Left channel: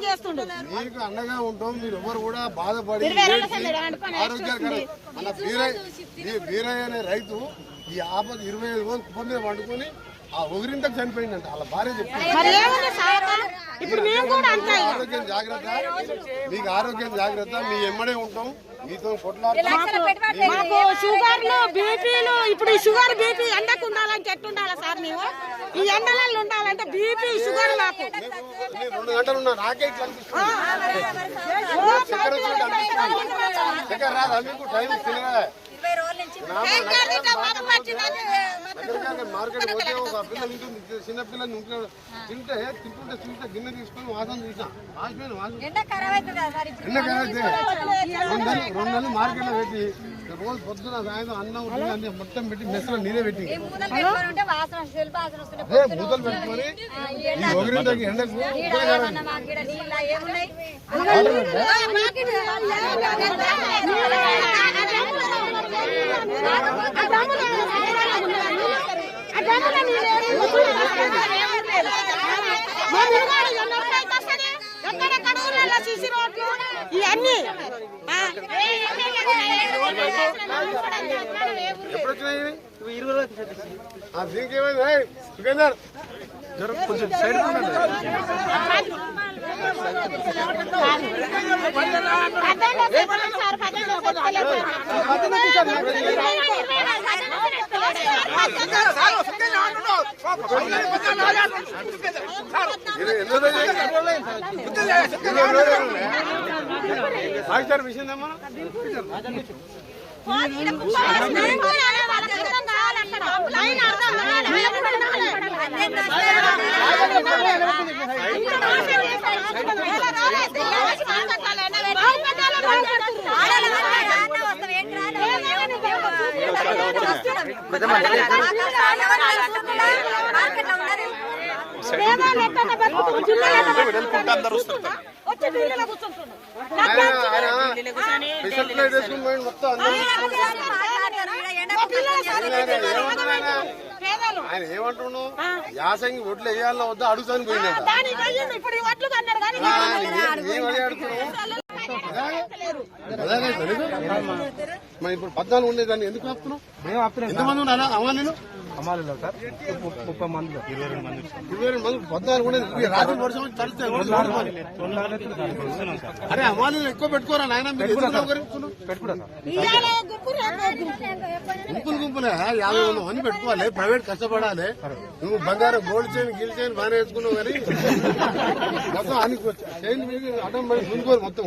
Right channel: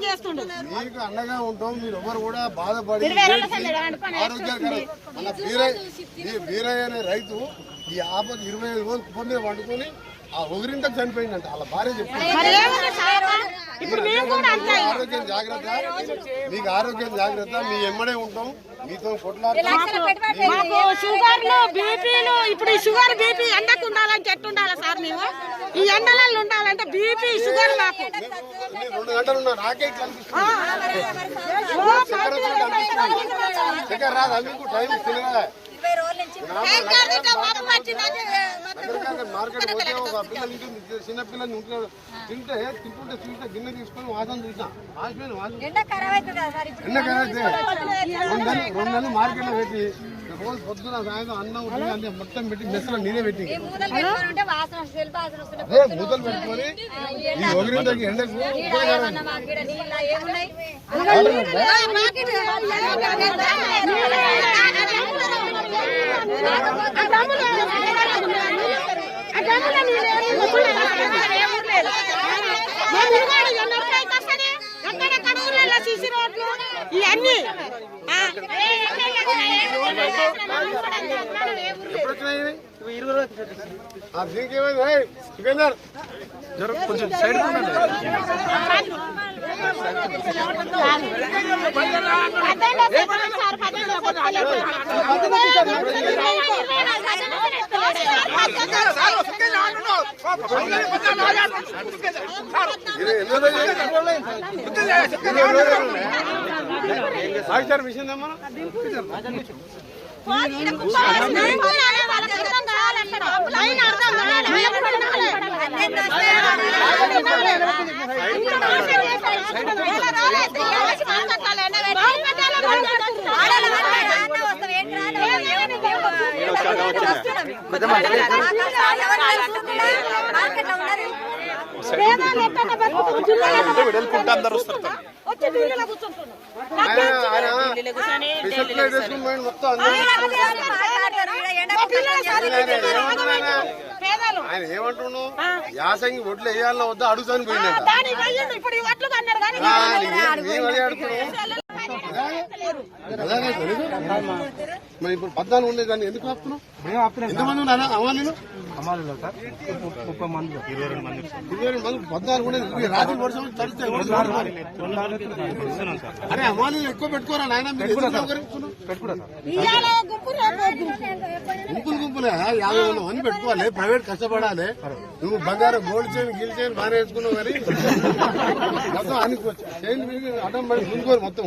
మీకు అండగా ఉంటాం. మీరు ఎవరు కూడా బాధపడి ఆరోగ్యకరం. మన వీరయ్య అనే రైతు ఈ ఆపద 25 రోజులు కుప్ప వండుకొని ఆ ఒగిరింతకు చనిపోయిందంట. వాళ్ళ భార్య చెప్తుంది ఆరోగ్యం జాగ్రత్త, మీకు ఆరోగ్యం జాగ్రత్త, మీ ఎమ్మడే ఉంటాం, మీతో కొట్లాడతాం. షుగర్లు బీపీలు ఇప్పుడు షుగర్ బీపీ ఎండకు ఉండాలని చెట్టు ఉండాలా సార్? మేము ఈ ఎండలలో ఉండాలంటే బీపీ షుగర్ నాకు 2 గంటలు ఉన్నా నాకే ఇట్లా అనిపిస్తుంది. చక్కెర రాదా మీకు? టైం తినగా మార్కెట్ పోతే ఒక పిల్లలు చిన్న పిల్లలు తింటే తింటుంటే చూస్తే గిన్నె తీసుకొని వాసన చూసిన ఎండ ఖరాబ్ అయితే 2 నెలలు మార్కెట్ లో పెట్టి రోజు పొద్దున సాయంత్రం అన్నం అన్ని మొత్తం పెట్టి మెస్సులో నీరే పెట్టి మూతలు పెట్టుకొని ఈ ఒగిరింతకి ఎండకు ఇవన్నీ కొంచెం సైడ్ సార్ విషయం ఏమన్నా మొత్తం ఆయన ఏమంటున్నావు? యాసంగి ఒడ్లు వేయాలన్నా వద్దా అడుగుతాను పోయిందంట. మేము అదే అడుగుతున్నాం. మరి ఇప్పుడు 14 ఉండేదాన్ని ఎందుకు ఆపుతున్నావు? ఎంతమంది ఉన్నా అమ్మా? నేను అమ్మాలి సార్ 30 మంది 22 మంది 14 ఉండేది. రాత్రి వర్షం తడుస్తాయి. అరే అమ్మాలి ఎక్కువ పెట్టుకోరా నాయన. గుంపులే 50 మంది పెట్టుకోవాలి. ప్రైవేట్ కష్టపడాలి. నువ్వు బంగారం గోల్డ్ చైన్ గిల్ చైన్ బాగా వేసుకున్నావు కానీ మొత్తం అని చైన్ మీద అడ్డం పడి ముందుకోరు మొత్తం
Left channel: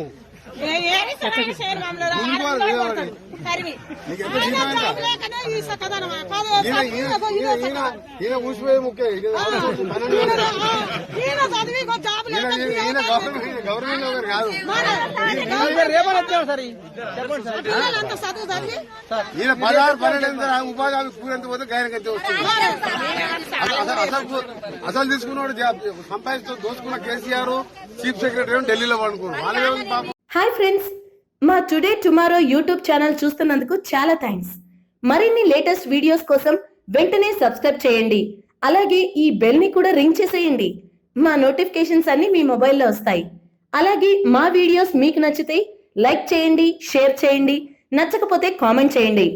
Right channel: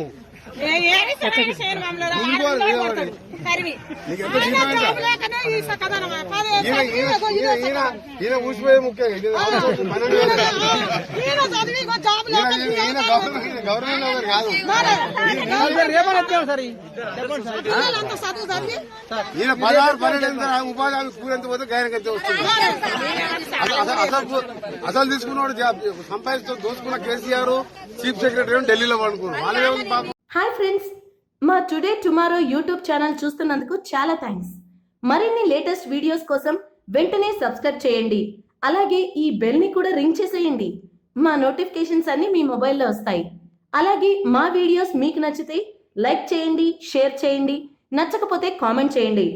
ఈయన ఊసిపోయే ముఖ్యం. గవర్నమెంట్ కాదు. ఈయన 16 12 ఉపాధి స్కూల్ పోతే గాయనకైతే వస్తుంది. అసలు తీసుకున్నాడు సంపాదిస్తూ దోచుకున్న కేసీఆర్ చీఫ్ సెక్రటరీ ఢిల్లీలో పడుకున్నాడు. వాళ్ళే. హాయ్ ఫ్రెండ్స్, మా టుడే టుమారో యూట్యూబ్ ఛానల్ చూస్తున్నందుకు చాలా థ్యాంక్స్. మరిన్ని లేటెస్ట్ వీడియోస్ కోసం వెంటనే సబ్స్క్రైబ్ చేయండి. అలాగే ఈ బెల్ ని కూడా రింగ్ చేసేయండి. మా నోటిఫికేషన్స్ అన్ని మీ మొబైల్లో వస్తాయి. అలాగే మా వీడియోస్ మీకు నచ్చితే లైక్ చేయండి, షేర్ చేయండి, నచ్చకపోతే కామెంట్ చేయండి.